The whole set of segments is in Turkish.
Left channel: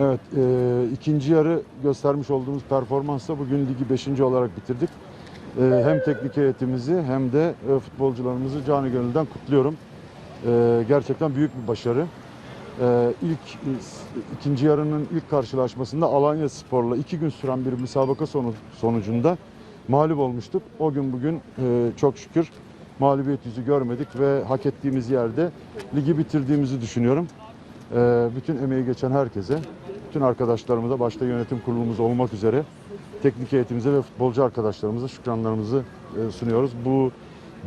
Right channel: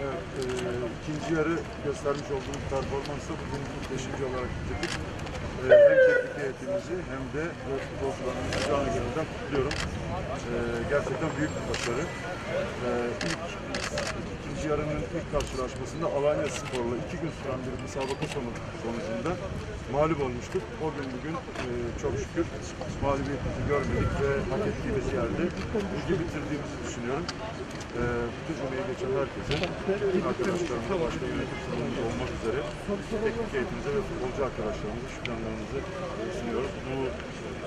Evet, e, ikinci yarı göstermiş olduğumuz performansla bugün ligi 5. olarak bitirdik. E, hem teknik heyetimizi hem de e, futbolcularımızı canı gönülden kutluyorum. E, gerçekten büyük bir başarı. E, ilk ikinci yarının ilk karşılaşmasında Alanya Spor'la iki gün süren bir müsabaka sonu, sonucunda mağlup olmuştuk. O gün bugün e, çok şükür mağlubiyetimizi görmedik ve hak ettiğimiz yerde ligi bitirdiğimizi düşünüyorum. Ee, bütün emeği geçen herkese, bütün arkadaşlarımıza, başta yönetim kurulumuz olmak üzere teknik heyetimize ve futbolcu arkadaşlarımıza şükranlarımızı e, sunuyoruz. Bu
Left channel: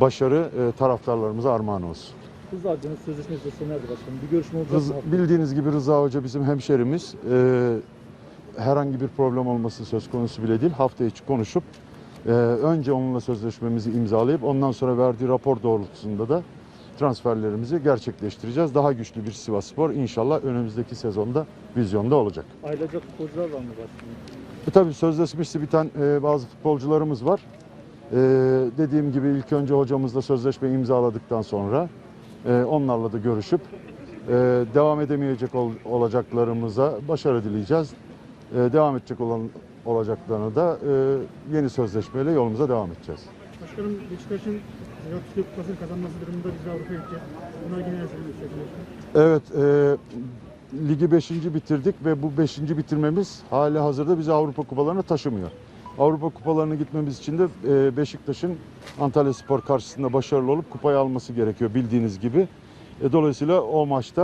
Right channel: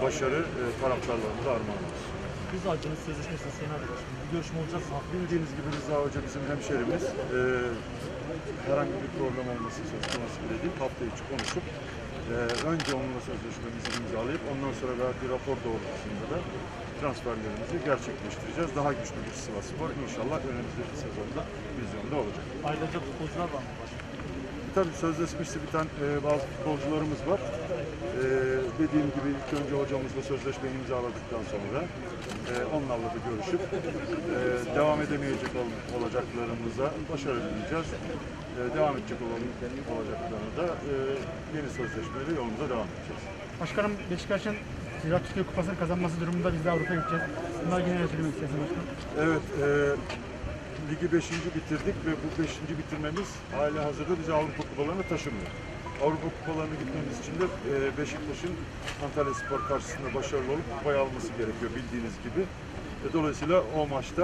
başarı e, taraftarlarımıza armağan olsun. Rıza Hoca'nın sözleşmesi erdi başkanım. Bir görüşme olacak Rız- mı? bildiğiniz gibi Rıza Hoca bizim hemşerimiz. Ee, herhangi bir problem olması söz konusu bile değil. Hafta içi konuşup e, önce onunla sözleşmemizi imzalayıp ondan sonra verdiği rapor doğrultusunda da transferlerimizi gerçekleştireceğiz. Daha güçlü bir Sivasspor inşallah önümüzdeki sezonda vizyonda olacak. Ayrılacak futbolcular var mı başkanım? E tabii sözleşmesi biten e, bazı futbolcularımız var. E, dediğim gibi ilk önce hocamızla sözleşme imzaladıktan sonra e, onlarla da görüşüp e, devam edemeyecek ol- olacaklarımıza başarı dileyeceğiz. E, devam edecek olan olacaklarına da e, yeni sözleşmeyle yolumuza devam edeceğiz. Başkanım Beşiktaş'ın Ziraat Türkiye Kupası'nı kazanması durumunda biz de Avrupa'ya gideceğiz. Bunlar ne söylemek istersiniz başkanım? Evet, e, ligi 5. bitirdik ve bu 5. bitirmemiz hala hazırda bizi Avrupa kupalarına taşımıyor. Avrupa kupalarına gitmemiz için de e, Beşiktaş'ın Antalya Spor karşısında başarılı olup kupayı alması gerekiyor bildiğiniz gibi. E, dolayısıyla o maçta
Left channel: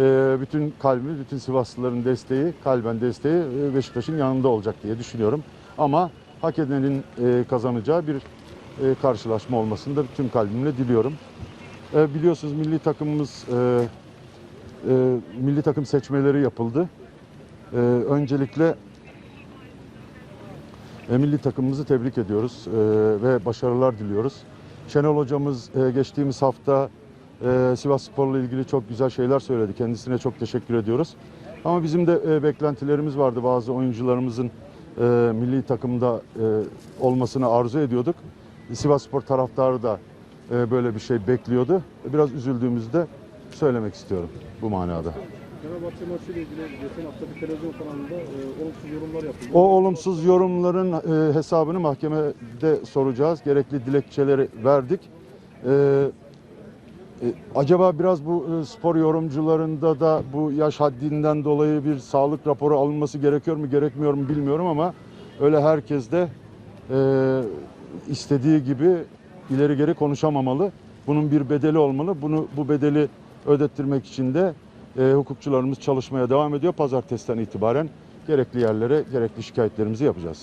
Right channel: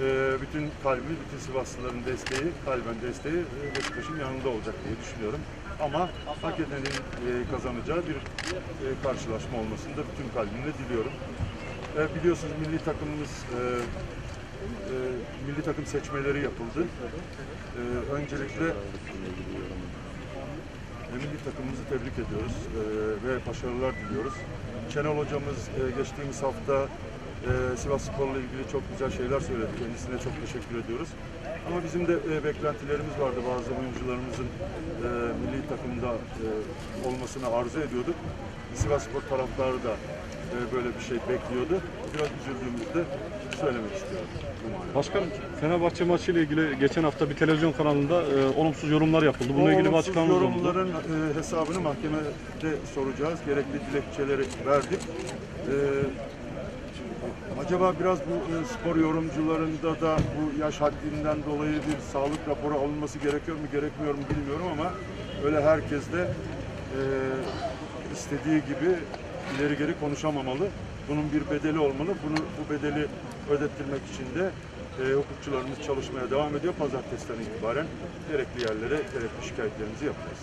e, bütün kalbimiz, bütün Sivaslıların desteği, kalben desteği e, Beşiktaş'ın yanında olacak diye düşünüyorum. Ama hak edenin e, kazanacağı bir karşılaşma olmasını da bütün kalbimle diliyorum. E, biliyorsunuz milli takımımız e, e, milli takım seçmeleri yapıldı. E, öncelikle e, milli takımımızı tebrik ediyoruz e, ve başarılar diliyoruz. Şenol hocamız e, geçtiğimiz hafta e, Sivas Spor'la ilgili çok güzel şeyler söyledi. Kendisine çok teşekkür ediyoruz. Ama bizim de e, beklentilerimiz vardı. Bazı oyuncularımızın e, milli takımda e, olmasını arzu ediyorduk. Sivas Spor taraftarı da e, böyle bir şey bekliyordu. Biraz üzüldüğümüzü de söylemek istiyorum bu manada. Başkanım Fenerbahçe maçı ile ilgili geçen hafta bir televizyon kanalında e, olumsuz yorumlar yapıldı. O Bununla ilgili bir olumsuz yorumların e, hesabını mahkemede soracağız. Gerekli dilekçeleri verdik. E, e, acaba biraz bu e, spor yorumcularında da bu yaş haddinden dolayı bir sağlık raporu alınması gerekiyor mu gerekmiyor mu bilmiyorum ama öyle herkes de e, istediği gibi ileri geri konuşamamalı. Bunun bir bedeli olmalı. Bunu bu bedeli ödettirmek için de e, hukukçularımız çalışmaya devam ediyor. Pazartesiden itibaren gerekli yerlere gerekli şikayetlerimizi yapacağız.